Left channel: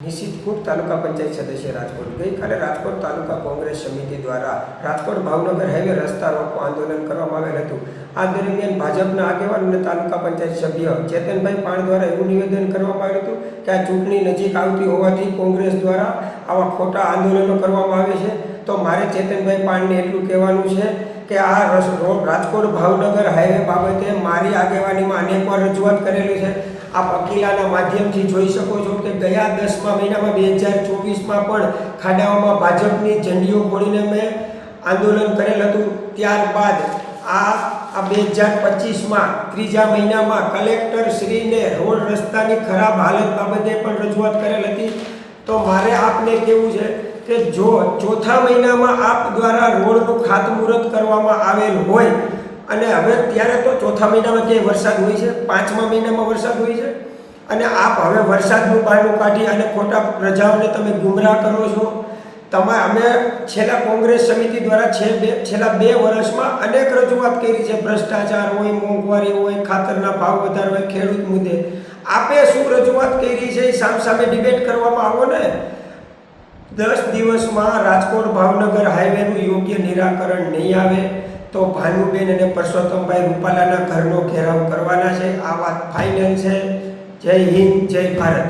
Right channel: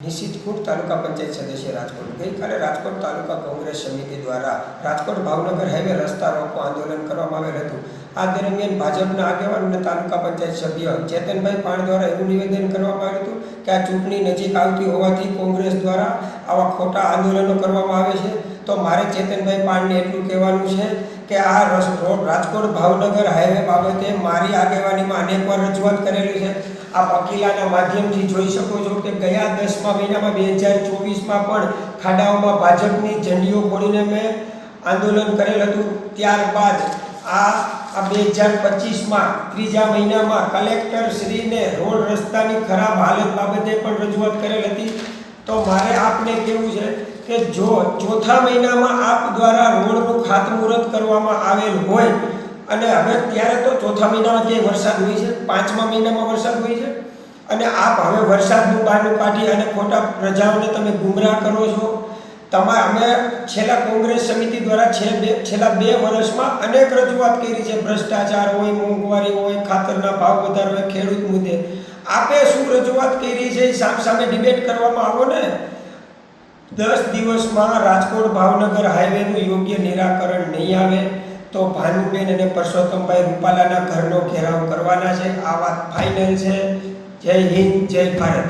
નિશિત તાલુકા પંચાયત સદસ્ય રાજકોટ ગઈકાલે રાજકોટ તાલુકા કોંગ્રેસ સમિતિ દ્વારા રાજકોટ ભાવનગર હાઈવે રસ્તા રોકો આંદોલન કરવામાં આવેલ હતું. આ દરમિયાન ભાજપના આગેવાન અને તાલુકા પંચાયત સભ્ય ચેતનભાઈ પાણ દ્વારા એવું નિવેદન કરવામાં આવ્યું હતું કે આ ચૂંટણી નજીક આવતી હોવાથી કોંગ્રેસ દ્વારા આવા ખોટા આંદોલનો કરવામાં આવે છે. તો મારે ચેતનભાઈ પાણને એટલું કહેવાનું છે કે આ રોડ રાજકોટ ભાવનગર હાઈવે બાબતે મારી આગેવાનીમાં અનેકવાર રજૂઆત કરેલી છે. આપ અકીલાના માધ્યમથી જોઈ શકો છો કે ગયા દસમા મહિનામાં બે હજાર ચોવીસમાં પણ ખાડાઓમાં ભાજપની ઝંડીઓ ખોડીને મેં આંદોલન કરેલ હતું. ત્યારબાદ આ આ બે હજાર પચીસમાં ત્રીજા મહિનામાં કલેક્ટર શ્રીને રોડ રસ્તાની ખરાબ હાલત બાબતે પણ રજૂઆત કરેલ હતી. તો મારે આપને કેવું છે કે જો ચોથા મહિનામાં આપ દ્વારા રોડનું ખાતમુહૂર્ત કરવામાં આવેલ હોય, અને હવે ત્યારે તો ચોથા મહિનામાં ક્યાંય વરસાદ હોય છે? પાંચમા મહિનામાં વરસાદ હોય છે? અને આપ હવે વરસાદનું બહારનું કાઢી અને ખોટા પ્રજાઓને તમે ગુમરાહ કરો છો? તમે, અમે છેલ્લા કોંગ્રેસ સમિતિ દ્વારા છે બે, છેલ્લા બે વર્ષમાં અનેક રજૂઆત કરી છે. ભ્રષ્ટાચાર હોય, મોંઘવારી હોય, ખાતરના ભાવ વધારો હોય, ખેડૂત મુદ્દે. આપે શું રજૂઆત કરી છે? એ સામસામે ડિબેટ કરવામાં આવો ને. દસ દિવસમાં રાજકોટ ભાવનગર હાઈવેનું યોગ્ય નિરાકરણ નહીં આવે, તો ભાનુબેન અને પરસોત્તમભાઈ રૂપાલાના ઘરનો ઘેરાવ કરવાના છે. આ વાત ફાઇનલ છે. જય હિન્દ, જય ભારત.